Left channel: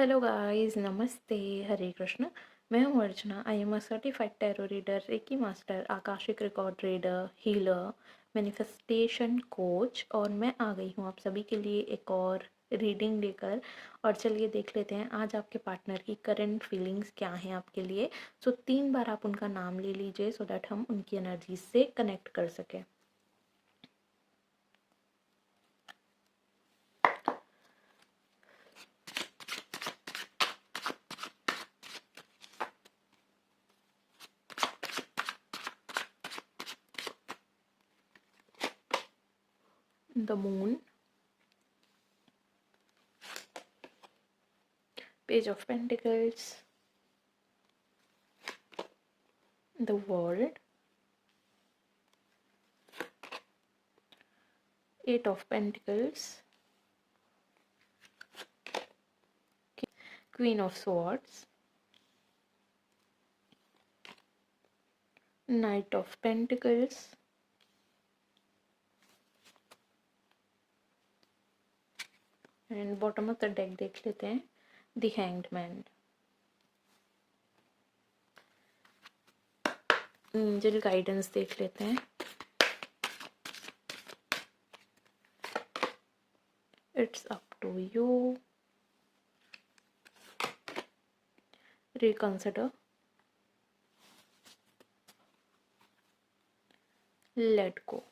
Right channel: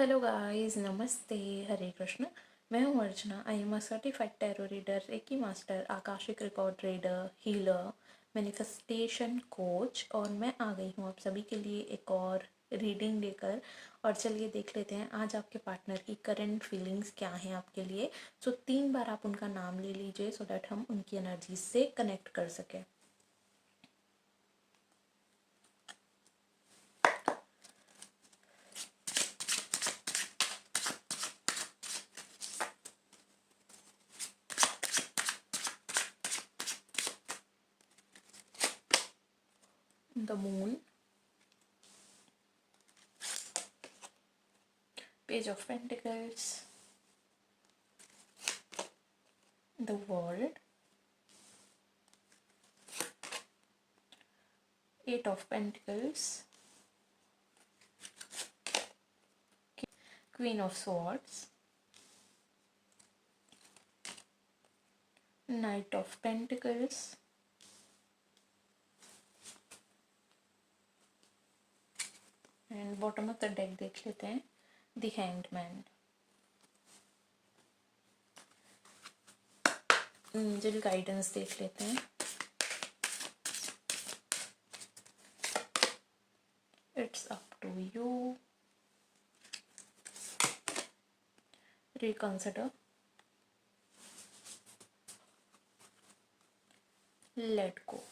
Hello guys, नमस्ते, हरे कृष्ण। मैं हूँ Archana. I am a certified tarot reader, reiki master, akashic record reader, healer, manifestation coach. और मैं आ गई हूँ आप सभी के लिए एक और रीडिंग लेकर। और चलिए देख लेते हैं आज आपके पार्टनर की करंट फीलिंग्स क्या हैं आपके लिए। सो 3 बार आप उनका नाम ले लीजिए सो दैट हम उनकी एनर्जी से कनेक्ट कर सकें। The moon, page of pentacles, the world, eight of pentacles, Queen of Swords, Knight of Pentacles, and bottom of the deck देख लेते हैं the hanged man. Angel guidance देख लेते हैं। It's up to you, reconsider, let go.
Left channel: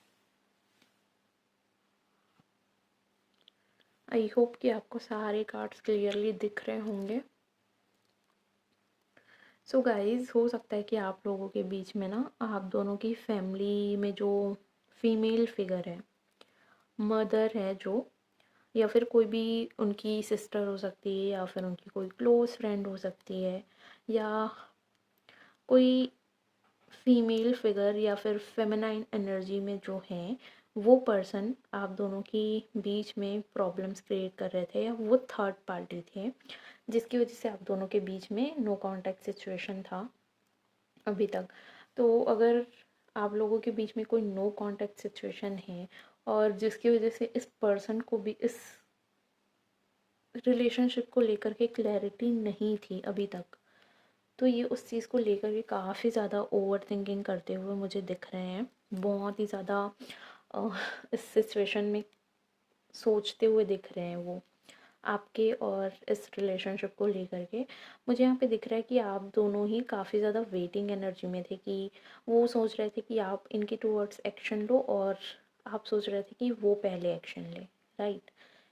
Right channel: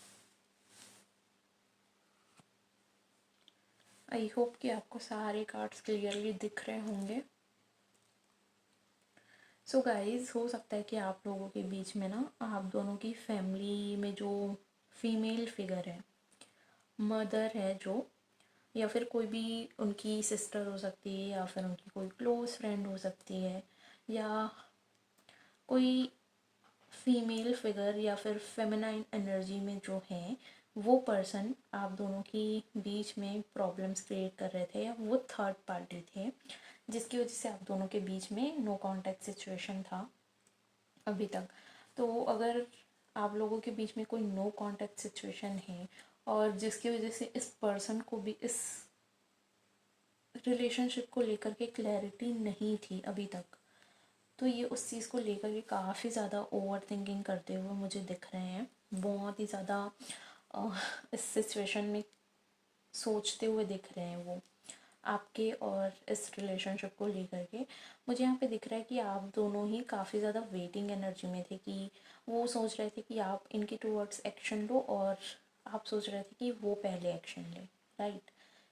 I hope कि आपको सारे cards clearly दिख रहे होंगे। सो गाइज, हो सकता है कि आप लोगों के बीच में ना आप दोनों की फैमिली में जो फीमेल फिगर है, मदर है जो, या फिर कोई भी उनकी सिस्टर हो सकती है, या फिर उनकी कोई क्लोज फ्रेंड हो सकती है, या कोई फीमेल फिगर या फिर फेमिनाइन एनर्जी में जो है वो पर्सन आप दोनों की बीच में प्रॉब्लम्स क्रिएट कर रहे थे, या वो थर्ड पार्टी थे जिसकी वजह से आप दोनों के बीच में नो कांटेक्ट सिचुएशन था अभी तक। तो अगर आप लोगों के बीच में कोई नो कांटेक्ट सिचुएशन है और जिसकी वजह से इस पर्सन को भी इस रिलेशनशिप को लेकर के क्लैरिटी नहीं थी अभी तक, तो ये उस चीज़ को लेकर के काफ़ी ज़्यादा ओवर थिंकिंग करते हुए मुझे दिख रहे हैं। बहुत ही ज़्यादा इस सिचुएशन में सोचते हुए दिख रहे हैं वो आपके और इस रिलेशनशिप को लेकर के। मुझे यहाँ पे दिख रहा है कि आप दोनों ही काफ़ी ज़्यादा वेटिंग एनर्जी में थे, कि वो सोच रहे थे कि आप इनके टूवर्ड्स एक्शन लो और आप सोच रहे थे कि वो पहले एक्शन ले, राइट।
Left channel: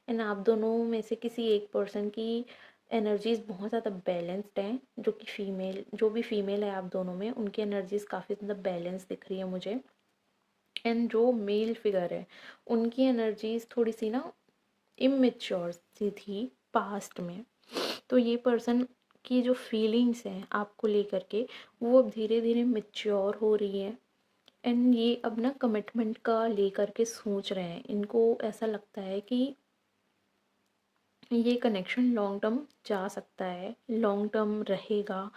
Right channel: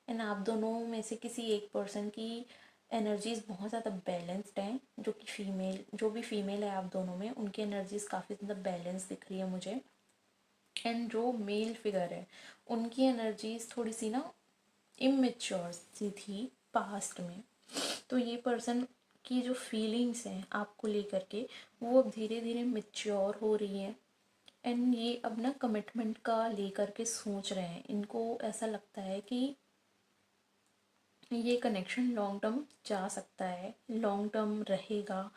एंड आप दोनों में से किसी एक पर्सन की एनर्जीज़ बहुत ज़्यादा बैलेंस्ड हैं, जो कि फीमेल, जो भी फीमेल है आप दोनों में, उनकी एनर्जीज़ काफ़ी ज़्यादा बैलेंस दिख रही है मुझे। एंड जो मेल फिगर है उनकी एनर्जीज़ थोड़ी सी ना इमेच्योर सी थी पास्ट में। तो ये पर्सन की जो फीलिंग्स हैं आपको लेकर के वो अब धीरे धीरे मेच्योर हो रही है। एंड ये अब ना कमिटमेंट का लेकर के सोच रहे हैं। इनको ऐसा लगता है कि ये कनेक्शन लॉन्ग टर्म जा सकता है, लॉन्ग टर्म रहेगा।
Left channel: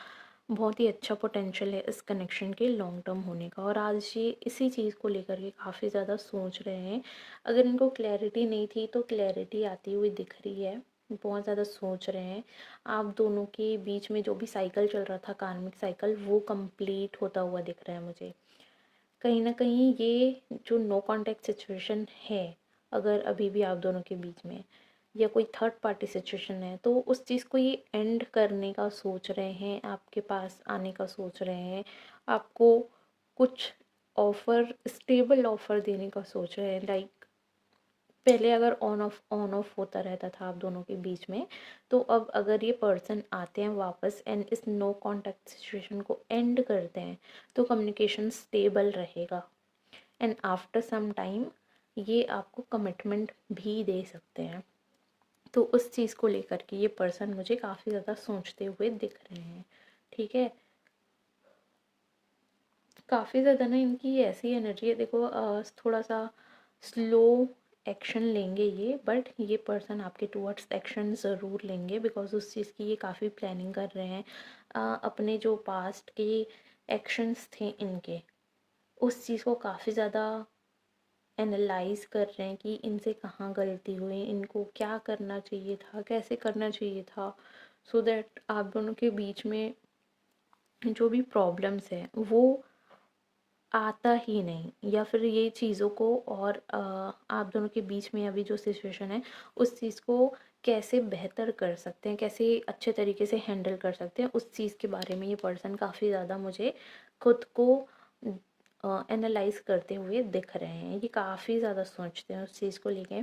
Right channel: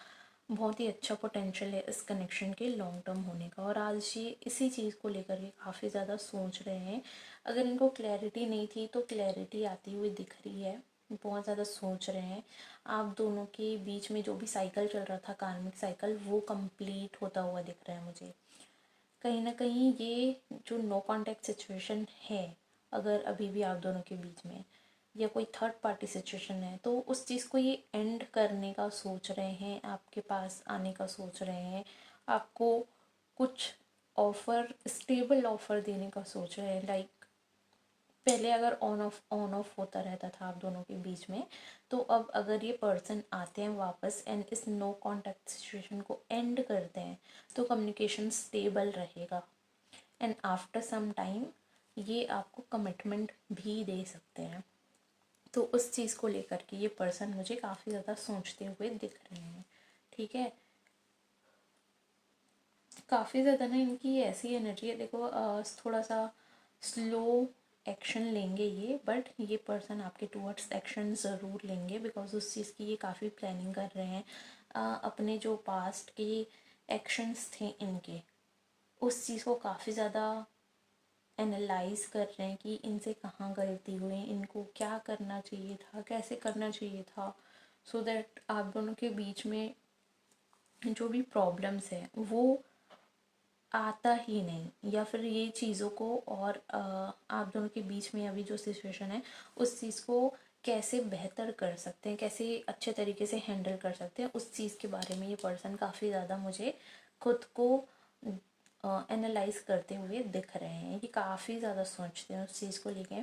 बहुत ही अच्छा पोटेंशियल है इस कनेक्शन के लॉन्ग टर्म होने का, और आज ये इसी चीज़ को लेकर के काफ़ी ज़्यादा सोच रहे हैं। अगर इनको क्लैरिटी नहीं थी तो क्लैरिटी आती हुई दिख रही है। बहुत ज़्यादा सोच रहे हैं। आप दोनों के बीच में जो भी साइकिल चल रहा था, कार्मिक साइकिल, वो कंप्लीट होता हुआ दिख रहा है मुझे। कहीं ना कहीं ये जो नो कांटेक्ट सिचुएशन है, अगर अभी भी आप दोनों के बीच में, या कोई थर्ड पार्टी सिचुएशन है, तो उस चीज़ को ये एंड करने का सोच रहे हैं, आपके पास आने का सोच रहे हैं, आपको कुछ ऑफ़र, स्टेबल ऑफ़र देने का सोच रहे हैं। लाइक पहले अगर ऑन ऑफ होता रहता था आप दोनों के बीच में, तो अब अगर ये पर्सन आते हैं वापस एंड इस नो कांटेक्ट सिचुएशन को एंड करते हैं, तो कम्युनिकेशन स्टेबल रहेगा। एंड आफ्टर सम टाइम ये आपको कमिटमेंट भी दे सकते हैं। तो उस चीज़ को लेकर के ये पर्सन मुझे काफ़ी ज़्यादा सोचते हुए दिख रहे हैं, ठीक है। काफ़ी ज़्यादा ना इनकी ऐसी एनर्जी है, देखो थोड़ा सा स्लो एक्शन लेंगे ये, बट ये पर्सन आपके टूवर्ड्स एक्शन ज़रूर लेंगे, बिकॉज उस चीज़ की ये काफ़ी प्लानिंग कर रहे हैं। अपने जो पास्ट के एक्शंस थे इनके, उस चीज़ को काफ़ी ज़्यादा एनालाइज कर रहे हैं कि इनसे कहाँ गलती हुई, इनको क्या करना चाहिए था, कैसे करना चाहिए था। सो दैट आप दोनों के बीच में जो भी प्रॉब्लम्स है वो आता ही नहीं, या फिर ये चीज़ों को और आप दोनों के बीच में अभी जो सिचुएशन है उस चीज़ को कैसे बेहतर कर सकते हैं, कैसे अच्छे तरीके से हैंडल कर सकते हैं, उस चीज़ के बारे में ये पर्सन काफ़ी ज़्यादा मुझे खुद को एनालाइज करते हुए दिख रहे हैं। ये काफ़ी ज़्यादा सोचते हैं उस चीज़ को लेके।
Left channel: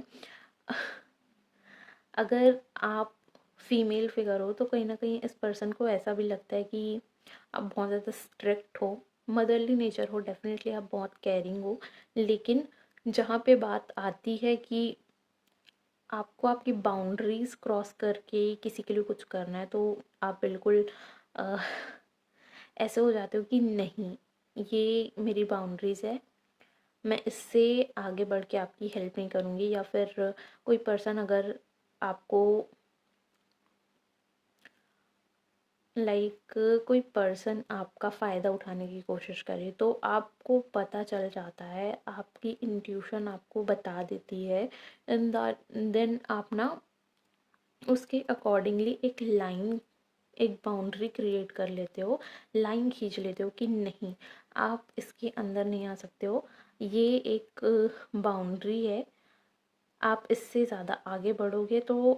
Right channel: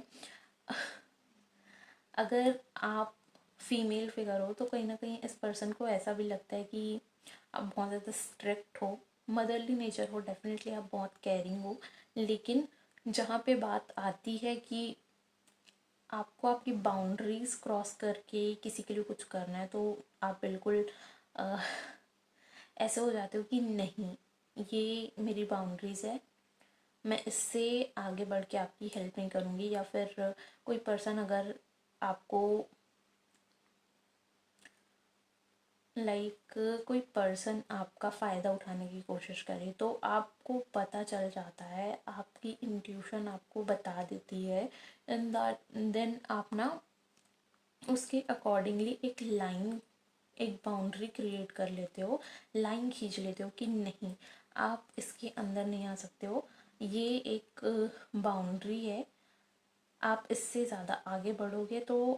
अगर आप फीमेल फिगर हो तो कहीं ना कहीं इस पर्सन को ऐसा भी लगता है कि आप बहुत ज़्यादा स्ट्रिक्ट हो, मदरली नेचर हो, डेफिनेटली आप बहुत केयरिंग हो, लेकिन जहाँ पे बात आती है कि आपको आपकी बाउंड्रीज क्रॉस करके किसी के लिए कुछ करना है तो आप बिल्कुल अ, ऐसे हो जाते हो कि नहीं, ये मेरी बाउंड्रीज है, मैं इससे आगे बढ़ के आपकी हेल्प नहीं करूँगी। या फिर कोई पर्सन अगर आपको कोई पर्सन आपका फ़ायदा उठाने की कोशिश करे तो आपको पता चल जाता है, आपकी इंट्यूशन आपको बता देती है, एंड देन आप ना उसके अकॉर्डिंगली एक लाइन, एक बाउंड्री क्रिएट कर लेते हो, लाइन खींच लेते हो कि नहीं, आप इसके अंदर नहीं आ सकते हो, ये एक बाउंड्री है, आप इससे ज़्यादा आगे बढ़ोगे तो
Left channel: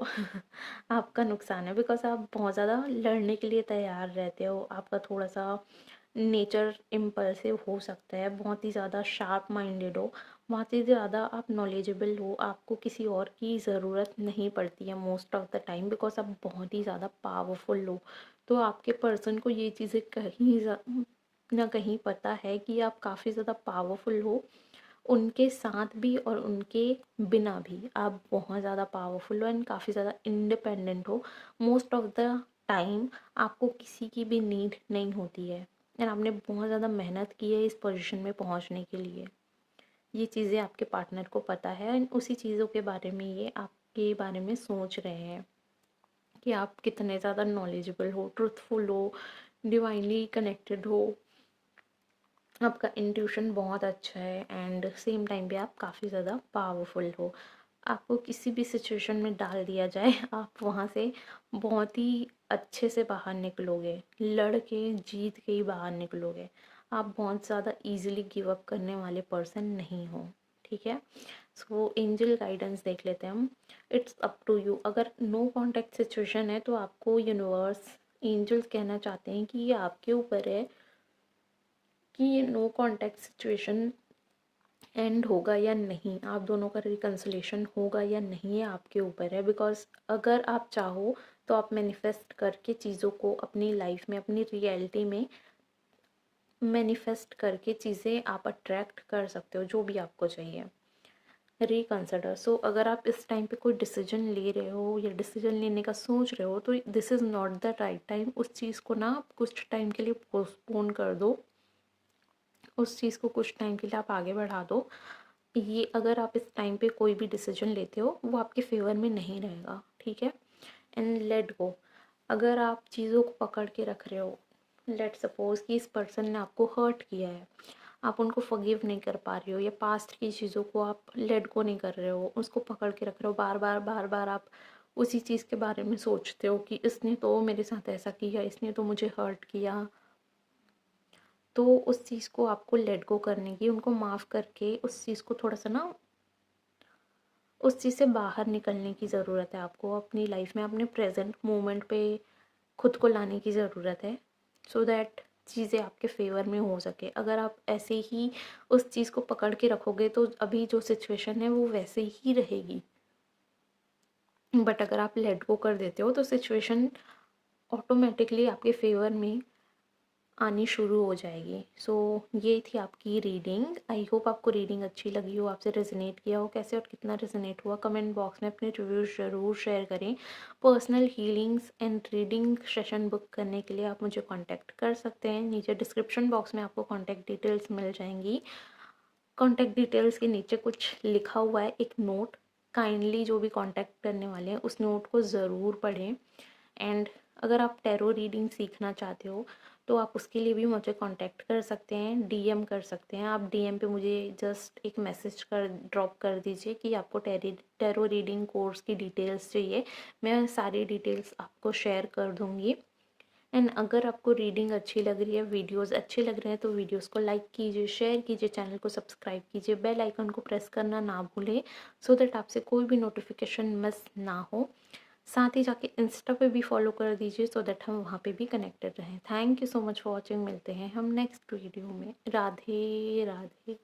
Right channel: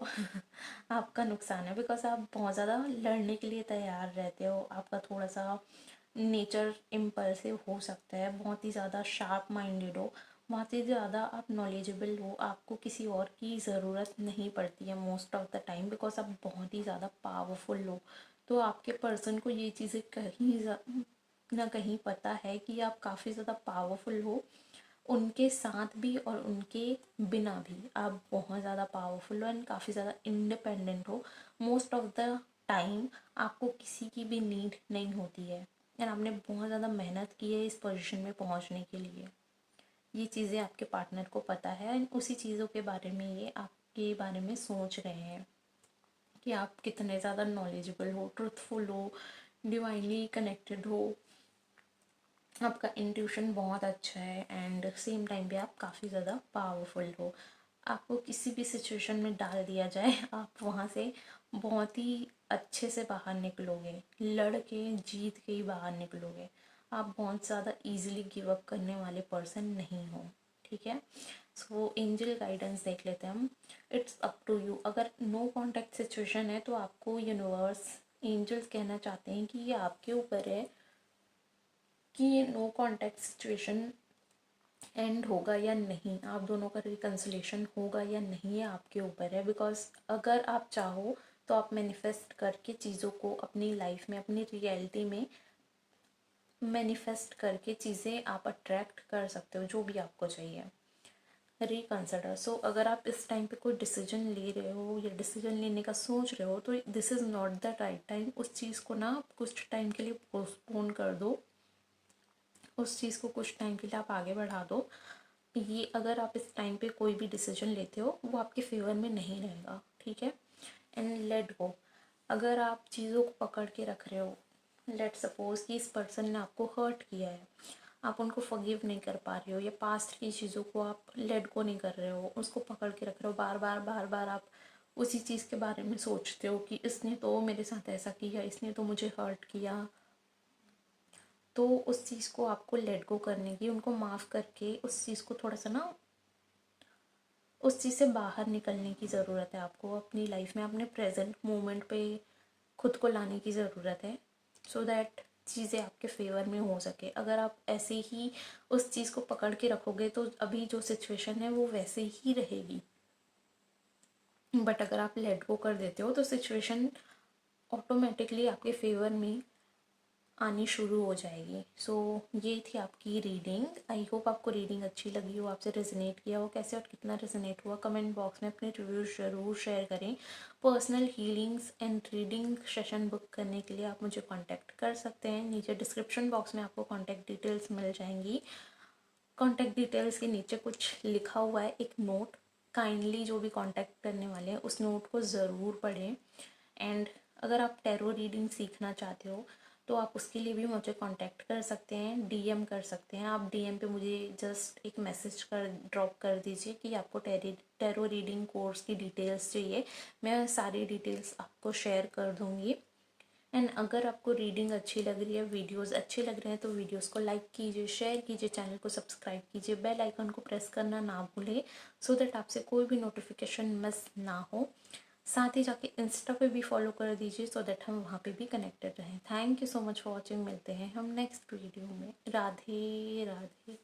आपका नुकसान है। बिकॉज आप बहुत ज़्यादा लड़ने के लिए तैयार रहते हो, आपका थोड़ा सा नेचर इम्पल्सिव हो सकता है, बहुत ही ज़्यादा शार्प माइंडेड हो, बहुत ही ज़्यादा आप नॉलेजेबल हो, आपको किसी और की ज़रूरत नहीं पड़ती है most of the time, because आप बहुत ही ज़्यादा पावरफुल हो। तो आपके पर्सन को ये चीज़ें कहीं ना कहीं पता है कि आप काफ़ी ज़्यादा पावरफुल हो, उनके साथ भी और उनके बिना भी आप बहुत ज़्यादा पावरफुल हो एंड काफ़ी ज़्यादा इंडिपेंडेंट हो। मोस्ट ऑफ द टाइम आपको किसी की भी नीड नहीं होती है, एंड आपने बहुत ज़्यादा मेहनत की है इस पोजीशन में पहुंचने के लिए। ये चीज़ें आपके पार्टनर को पता है एंड उसी चीज़ों के बारे में ये आपके बारे में सोच रहे हैं कि आप कितने ज़्यादा नॉलेजेबल हो, ट्रुथफुल हो, डिवाइनली कनेक्टेड हो, आपका इंट्यूशन बहुत अच्छा है एंड सेम टाइम पे आप काफ़ी ज़्यादा पावरफुल हो। आपको किसी भी सिचुएशन में डाल दिया जाए आप वहाँ से बहुत ही अच्छे से बाहर निकलोगे, लड़ के जीत के ही बाहर निकलोगे। आप बहुत ज़्यादा इजीली गिव अप करने वाले पर्सन नहीं हो, ठीक है। सो एंजल गाइडेंस देख लेते हैं हम। It's up to you. अगर नो कॉन्टैक्ट सिचुएशन है तो आपको यूनिवर्स, एंजल्स कहना चाहते हैं कि ये आपके ऊपर है कि ये नो कॉन्टैक्ट सिचुएशन एंड होगा या नहीं, आप दोनों का रिकन्सिलेशन होगा या नहीं, ये आपके ऊपर है। बिकॉज अगर आप चाहो तो आप मैनिफेस्ट करके चीज़ों को अपनी लाइफ में, अपनी रियलिटी में मैनिफेस्ट करके चीज़ें आप अट्रैक्ट कर सकते हो जो भी आपको चाहिए। रिकन्सिडर। सो अगर आप इस टाइम पे कोई डिसीजन ले रहे हो या डिसीजन लेने का सोच रहे हो तो this is not the right time. उस चीज़ को ना कुछ टाइम के लिए पोस्टपोन कर दो, उस चीज़ को कुछ टाइम के लिए आप आगे बढ़ा दो। ये अगर आप इस टाइम पे कोई भी डिसीजन लेते हो वो आपके फेवर में नहीं रहेगा, ठीक है। And let go. अगर आप चीज़ों को पकड़ के रख रहे हो, लेट सपोज कि इस पर्सन ने आपको हर्ट किया है, आप उनको फॉरगिव नहीं कर पा रहे हो, या पास्ट की चीज़ों को आप लेट गो नहीं कर रहे हो, उसको पकड़ के रख रहे हो, बार बार बार बार आप उसी चीज़ के बारे में सोचते हो कि इसने तो मेरे साथ ऐसा किया, इसने तो मुझे हर्ट किया। तो उस चीज़ को आपको लेट गो करने की, उनको माफ़ करके उस चीज़ को थोड़ा सा ना, उस चीज़ से बाहर निकलने की ज़रूरत है आपको अपनी लाइफ में, अपने प्रेजेंट मोमेंट पे खुद को लाने की ज़रूरत है, सो दैट चीज़ें आपके फेवर में हो सके। अगर आप ऐसे ही उस चीज़ को पकड़ के रखोगे तो अभी जो सिचुएशन है वो वैसे ही रहेगी, बट अगर आप लेट गो कर देते हो तो सिचुएशन ऑटोमेटिकली आपके फेवर में आनी शुरू हो जाएगी। सो ये थी आपकी रीडिंग। आई होप आपको रीडिंग अच्छी लगी हो, आपसे रेजोनेट किया हो। कैसे और कितना रेजोनेट हुआ कमेंट बॉक्स में अपने रिव्यूज ज़रूर शेयर करें। Personal healings and reading session book करने के लिए आप मुझे कांटेक्ट कर सकते हैं। नीचे डिस्क्रिप्शन बॉक्स में आपको कांटेक्ट डिटेल्स मिल जाएंगी। कांटेक्ट डिटेल्स के नीचे कुछ लिखा हुआ है, एक नोट। काइंडली जो भी कांटेक्ट करने वाले हैं उस नोट को ज़रूर पढ़ें। एंड अगर आप टैरो रीडिंग सीखना चाहते हो तो आप उसके लिए भी मुझे कांटेक्ट कर सकते हैं, डीएम कर सकते हैं। आप डीएम पे मुझे जस्ट एक मैसेज कर ड्रॉप कर दीजिए कि आपको टैरो रीडिंग कोर्स की डिटेल्स चाहिए, मैं सारी डिटेल्स आपको शेयर कर दूँगी। एंड अगर आपको रीडिंग अच्छी लग रही है, वीडियोस अच्छे लग रहे हैं, तो वीडियोस को लाइक कीजिए, शेयर कीजिए, चैनल को सब्सक्राइब कीजिए, बेल आइकन को प्रेस करना ना भूलें, सो दैट आपसे कोई भी नोटिफिकेशन मिस ना हो। साथ ही जाके इंस्टा पे भी फॉलो कर दीजिए, सो दैट हम वहाँ पे भी कनेक्टेड रहें। Thank you so much for watching. मिलते हैं हम नेक्स्ट वीडियो में। राधे राधे।